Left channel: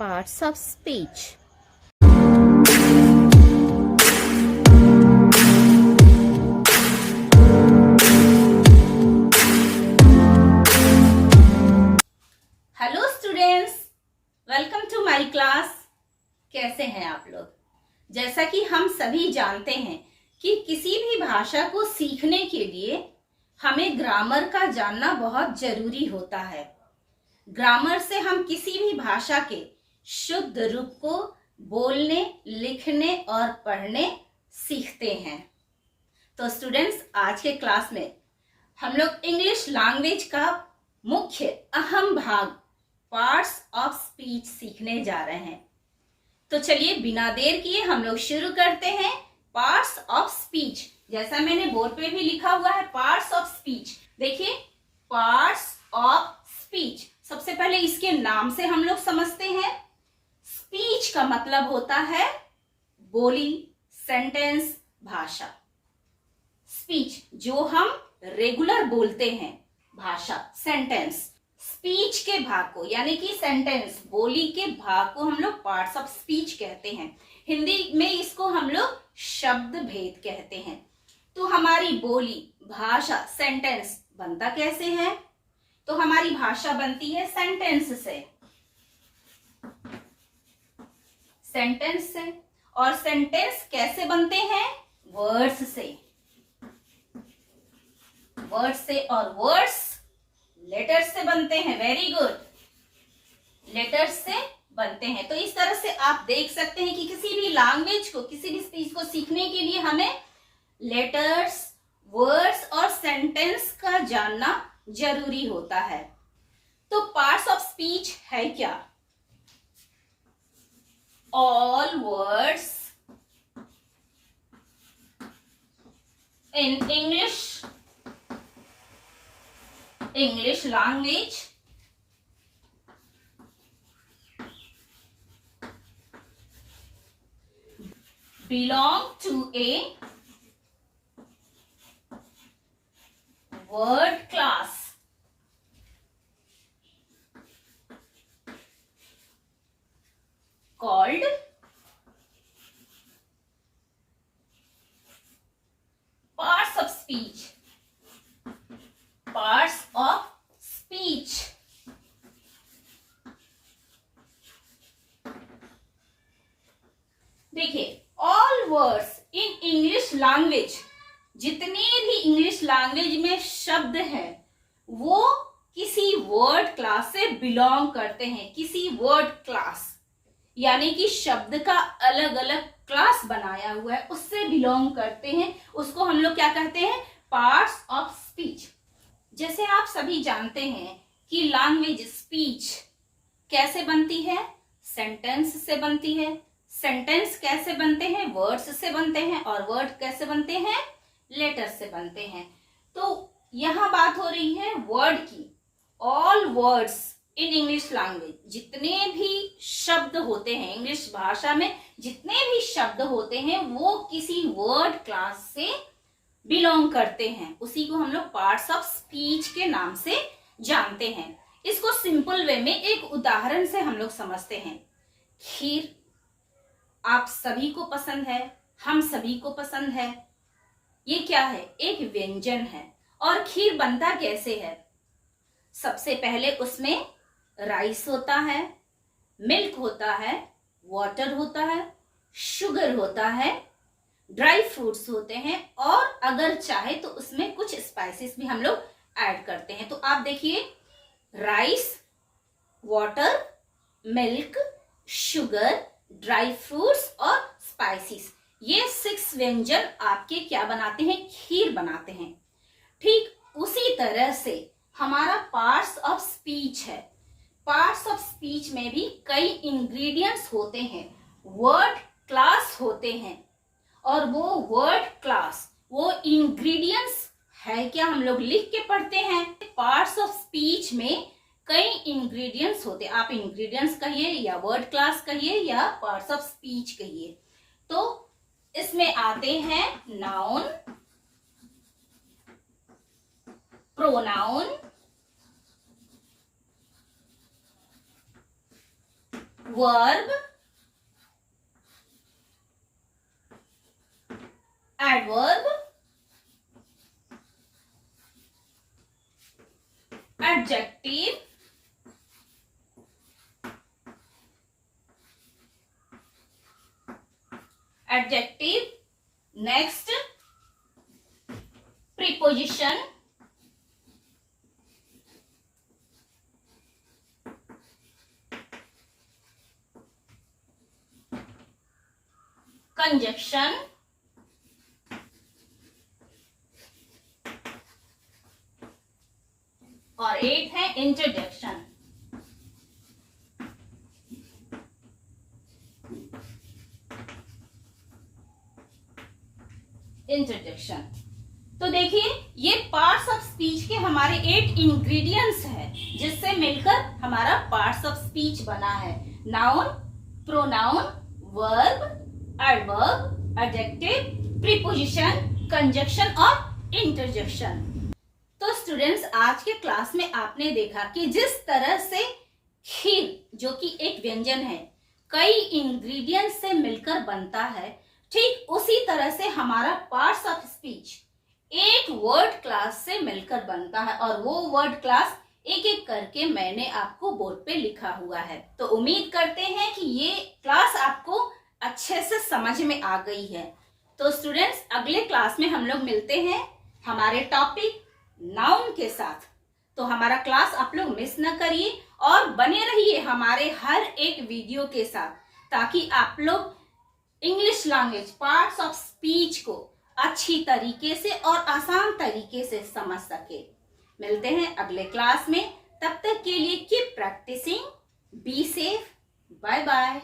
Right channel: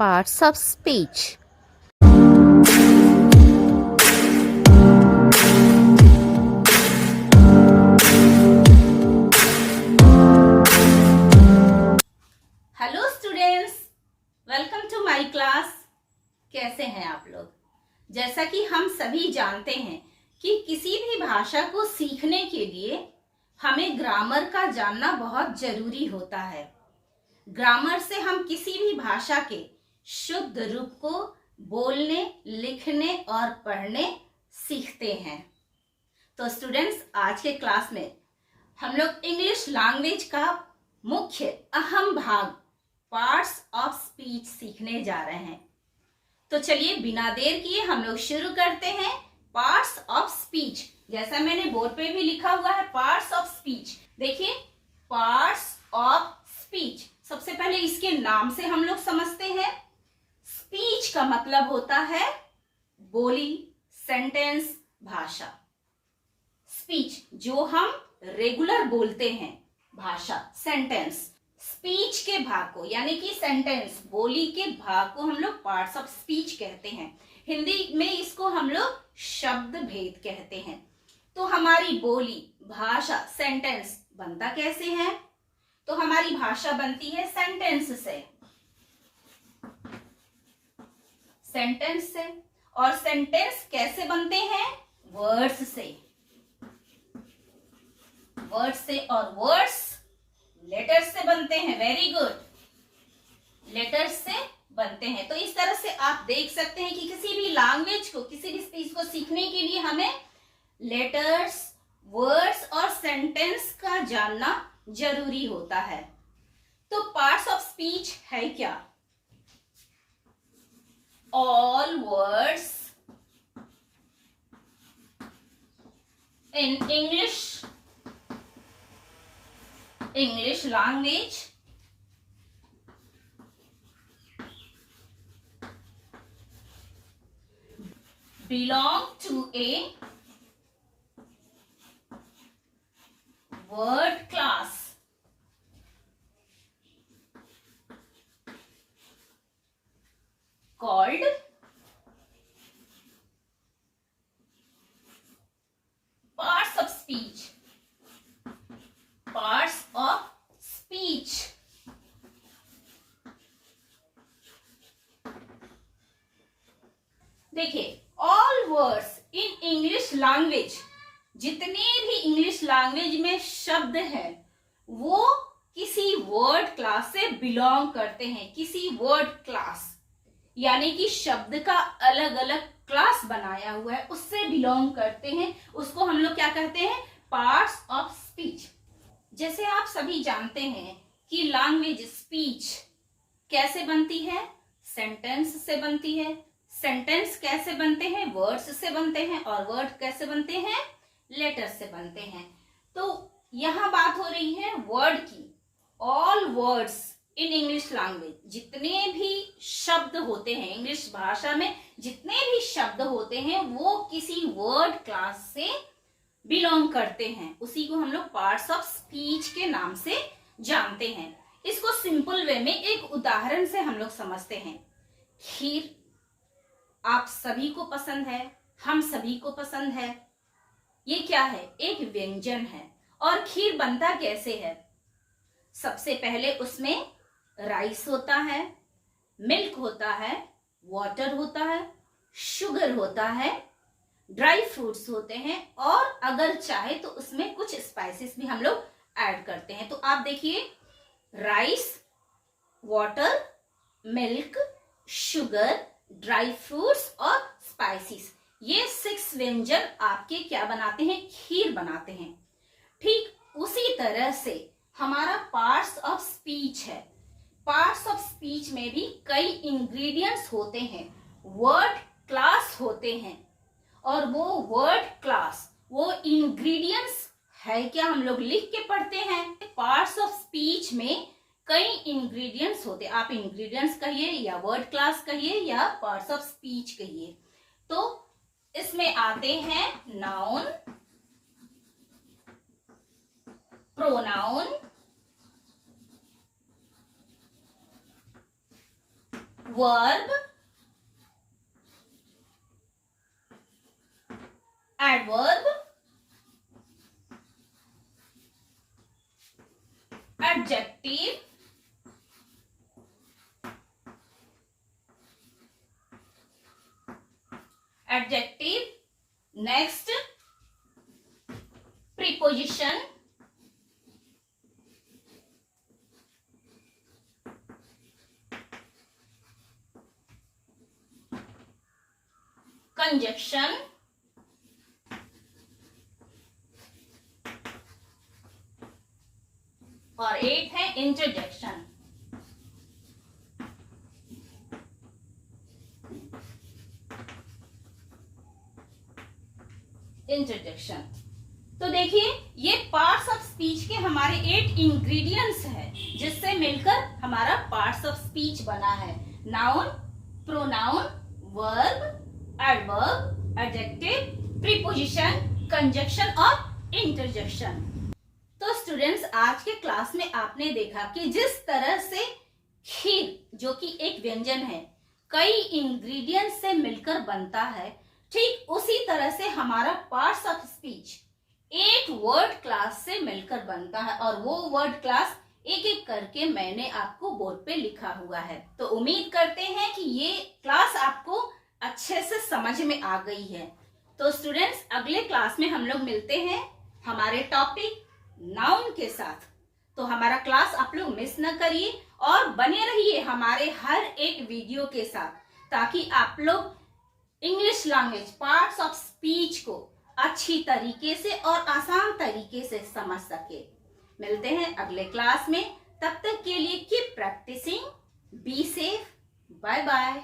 Parts of speech. Hello students, welcome to my class. कैसे हैं आप लोग? जैसा कि हम सभी जानते हैं कि किसी भी भाषा को सीखने के लिए हमें ग्रामर का जानना बहुत जरूरी होता है। ग्रामर से हम किसी भी भाषा के शुद्ध रूप को बोलने, लिखने और पढ़ने सीखते हैं। तो स्टूडेंट्स, आज के क्लास में हम लोग इंग्लिश लैंग्वेज का मुख्य अहम भाग पार्ट्स ऑफ स्पीच सीखने जा रहे हैं। तो चलिए बिना देर किए हम लोग शुरू करते हैं। पार्ट्स ऑफ स्पीच, जैसा मैंने बोर्ड पे भी लिखा हुआ है, पार्ट्स ऑफ स्पीच। देखिए, पार्ट्स ऑफ स्पीच, सबसे पहले इसके नाम से हम लोग समझते हैं। स्पीच का मतलब होता है बोली, सेंटेंस, भाषा। स्पीच जो हम रेगुलर बोलते हैं, भाषा, सेंटेंस। स्पीच के भाग को यानी कि सेंटेंस, बोली के भाग को हम लोग पार्ट्स ऑफ स्पीच कहते हैं। हिंदी में इसको हम लोग शब्द भेद कहते हैं। तो हमारी बोली, भाषा, सेंटेंस बनता कैसे है? तो हमारी भाषा बनती है सेंटेंस से, सेंटेंस से। और सेंटेंस कैसे बनते हैं? वर्ड्स से, वर्ड्स से। और वर्ड्स लेटर्स से बनते हैं। वेरी गुड, लेटर्स से बनते हैं। तो इस तरह से आप देख सकते हैं कि किसी भी लैंग्वेज को, किसी भी स्पीच को सीखने के लिए हमें लेटर्स, वर्ड्स और सेंटेंस का जानना जरूरी होता है। तो पार्ट्स ऑफ स्पीच है क्या? All words in English language belong to a word class called parts of speech. Parts of speech. देखिए, all words in English language, जितने भी इंग्लिश लैंग्वेज में शब्द हैं वो किसी वर्ड क्लास से बिलोंग करते हैं। किसी वर्ड क्लास यानी कि शब्द का अलग अलग क्लास बनाया हुआ है, उससे बिलोंग करते हैं। उसको हम लोग क्या कहते हैं? Parts of speech. जैसे आप सभी जानते हैं कि लैंग्वेज, स्पीच कैसे बनती है? सेंटेंस से बनती है। सेंटेंस कैसे बनते हैं? वर्ड्स से बनते हैं। और वर्ड कैसे बनते हैं? लेटर्स से बनते हैं। तो यहां बात हो रही है वर्ड की। All words in English language, जितने भी शब्द होते हैं इंग्लिश भाषा में, जितने भी शब्द होते हैं वो किसी वर्ड क्लास से बिलोंग करते हैं। उसी को हम लोग पार्ट्स ऑफ स्पीच के नाम से जानते हैं। इसको सिंपल वे में एक उदाहरण से हम लोग समझते हैं। खीर आप सभी को पसंद है, हम सभी को पसंद है। ये क्या है? एक व्यंजन है। और खीर बनता कैसे है? सबसे पहले उसमें राइस होता है, मिल्क होता है, वाटर होता है, शुगर होता है, ड्राई फ्रूट्स होते हैं, और अगर चाहे तो उसमें कुछ स्पाइसेस भी हम लोग ऐड करते हैं। तो आप देखिए, rice, water, milk, sugar, dry fruits और स्पाइसेस, ये 6 व्यंजन आपके क्या बनाते हैं? खीर बनाते हैं। ठीक उसी तरह से हमारा पार्ट्स ऑफ स्पीच है। पार्ट्स ऑफ स्पीच में भी कई इंग्रेडिएंट्स होते हैं, वर्ड क्लास होते हैं। और वो वर्ड क्लास, वो इंग्रेडिएंट्स है क्या, हम लोग लिख के पढ़ते हैं। पार्ट्स ऑफ स्पीच में कई इंग्रेडिएंट्स होते हैं। आप इंग्रेडिएंट्स कहिए या वर्ड क्लास कहिए या पार्ट्स ऑफ स्पीच कहिए। तो इसमें आते हैं noun, pronoun, verb, adverb, adjective, next preposition, conjunction, और 8 है इंटरजेक्शन। इंटरजेक्शन तो देखिए, ये पार्ट्स ऑफ स्पीच के हमारे 8 इंग्रेडिएंट्स है जिससे मिलकर हमारा पार्ट्स ऑफ स्पीच बना है। Noun, pronoun, verb, adverb, adjective, preposition, conjunction और इंटरजेक्शन। तो स्टूडेंट्स, आज के क्लास में आपने देखा कि जिस तरह से खीर, जो कि एक व्यंजन है, कई इंग्रेडिएंट्स से मिलकर बनता है, ठीक उसी तरह से हमारा पार्ट्स ऑफ स्पीच एक वर्ड क्लास से मिलकर बनता है, और वो वर्ड क्लास एक एक करके मैंने आपको बोर्ड पे लिखा हुआ है। तो उम्मीद करते हैं कि ये क्लास आपको अच्छे से समझ में आ गई है। तो स्टूडेंट्स, अगले क्लास में हम लोग मिलते हैं हमारे टॉपिक नाउन के साथ। तो हमारा क्लास आप लोग मिस न करिए और बने रहिए हमारे हर एक वीडियो के साथ, ताकि आप लोग English language parts of speech को अच्छी तरीके से और आसान तरीके से समझ सके। मिलते हैं अगले क्लास में, तब तक के लिए keep practising, be safe, bye bye.